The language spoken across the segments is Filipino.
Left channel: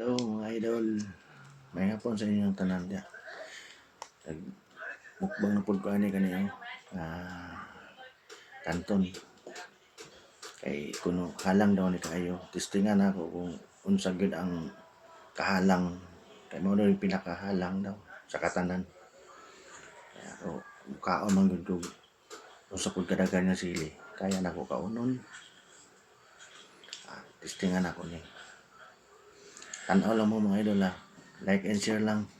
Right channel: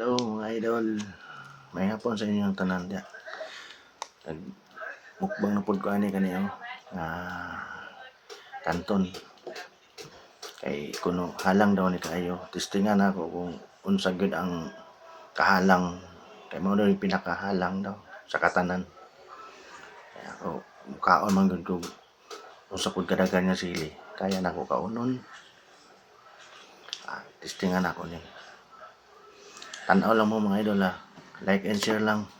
Hello mga idol, may hapon sa inyong tanan dia. Mukbang na pud ko ani kaniyo nga kanton. Kay kuno halang daw ni kaayo. Testingan ako kung unsa gyud ang kahalang. Kay mao daw yung pinakahalang daw sa katanan. Kaya ako mukaon man gyud ko unsa pud kadagan nga sili. Kaya nako kaunon. Testingan ako ni. Tanaw lang mo mga idol ha. Like and share lang.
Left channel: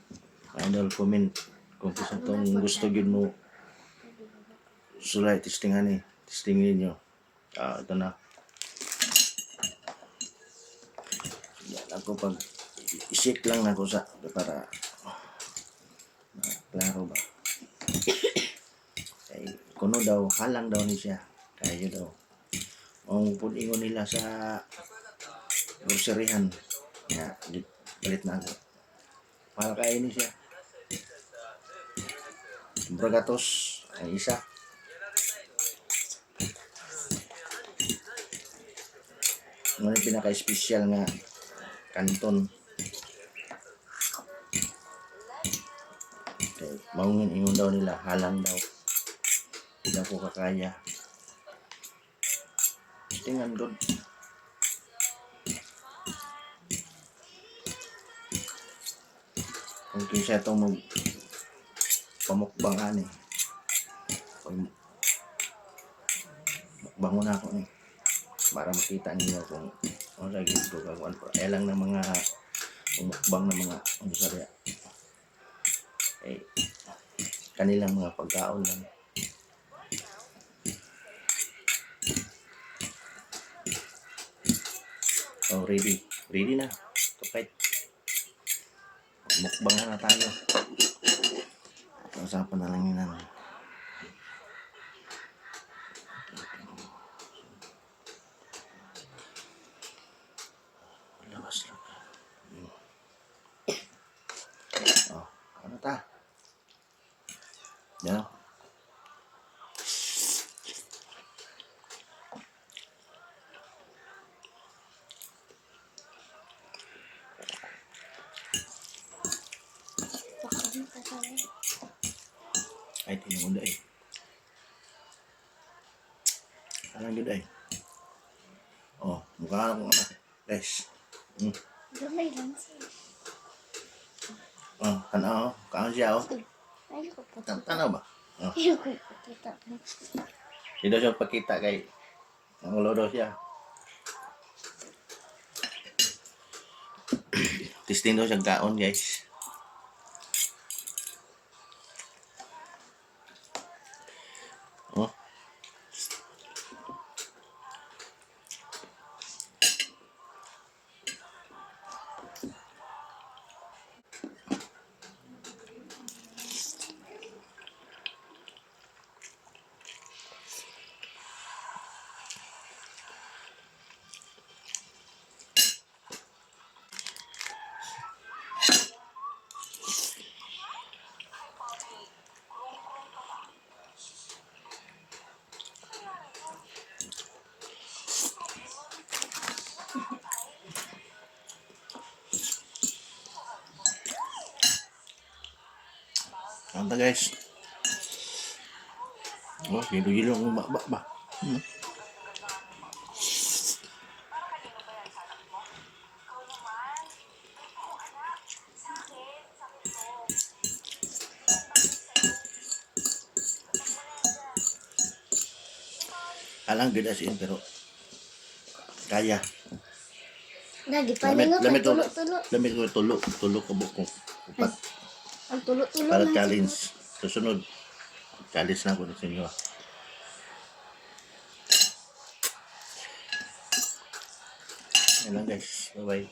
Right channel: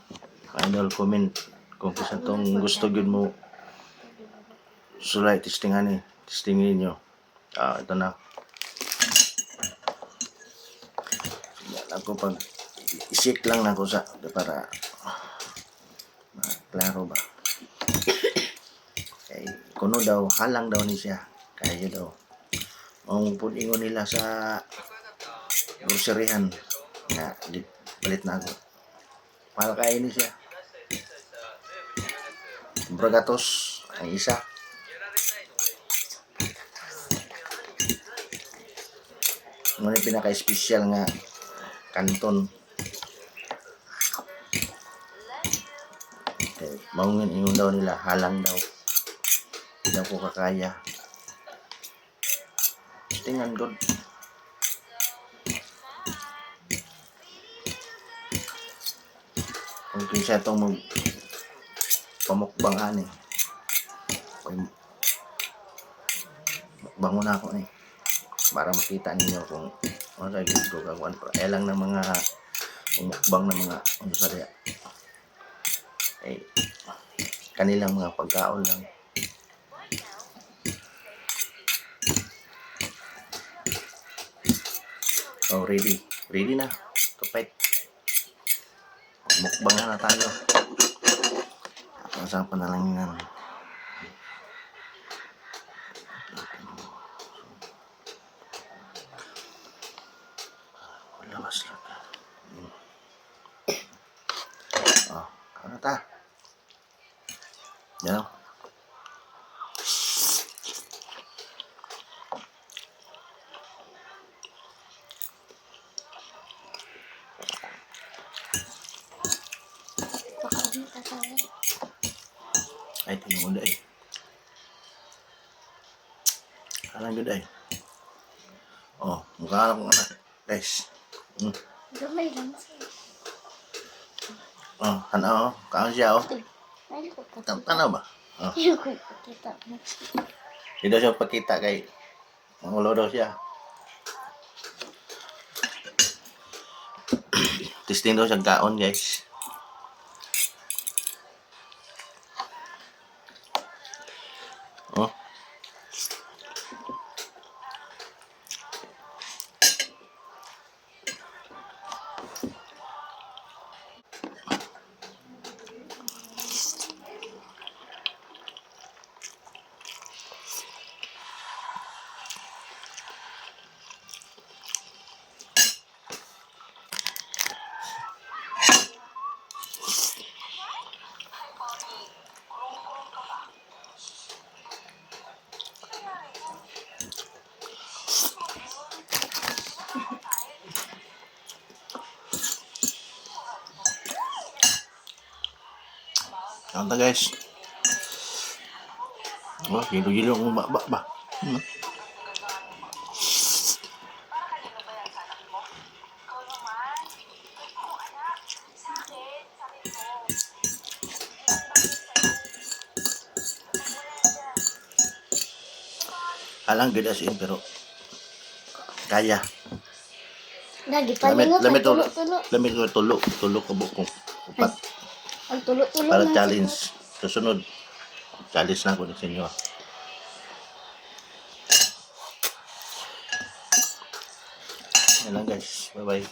Mga idol, comment kung kisa tong gusto gyud mo sulay testingan ni. Testingin niyo. Ito na. Yan ako pag i-shake lang na ko sa para klaro ba. Kay kuno daw halang daw ni siya. Kayo daw. Ang pudingon nila sa groceryhan nga balit na ako. Mahal kayo ni siya. Bragatos ang isa. Ano yung pinaka-special nga kanton. Okay. Maungin ingon daw nila, halang daw. Hindi daw ko kakaya. Tingnan good. Kung kinsa itong pamukbang ani. Mukbang muna ako ni. Para makita ninyo kung ano sa gito kagwan pa. Lang ng mga mukbang ng mga ano sa diya. Kanilang mga pagkaon lang. Oh, ready na to fight. Mukbang na tayo. Saan pa na lang yan. Labas lang. Ano ta? Yan o. Ay, tinunod ay. Alang gud ay. Mukha lang anak. Guys. Gamay lang siya. Ano? Kaon siya o. Ayaw ko pakita. Tanaw ba? Ayaw ko pakita. Hindi daw siya pakita kay mangulo daw siya. Testing daw siya kaon guys. Ano guys? Gilo-gilo ang ba. Alang good as in pero kaya. Lagi palingot ang tulo-tulo. Tulo ka bukong upat. Ang tulo-tulo Para lang challenge. Susunod. Challenge na ko sa inyo. Yan lang guys. Bye-bye.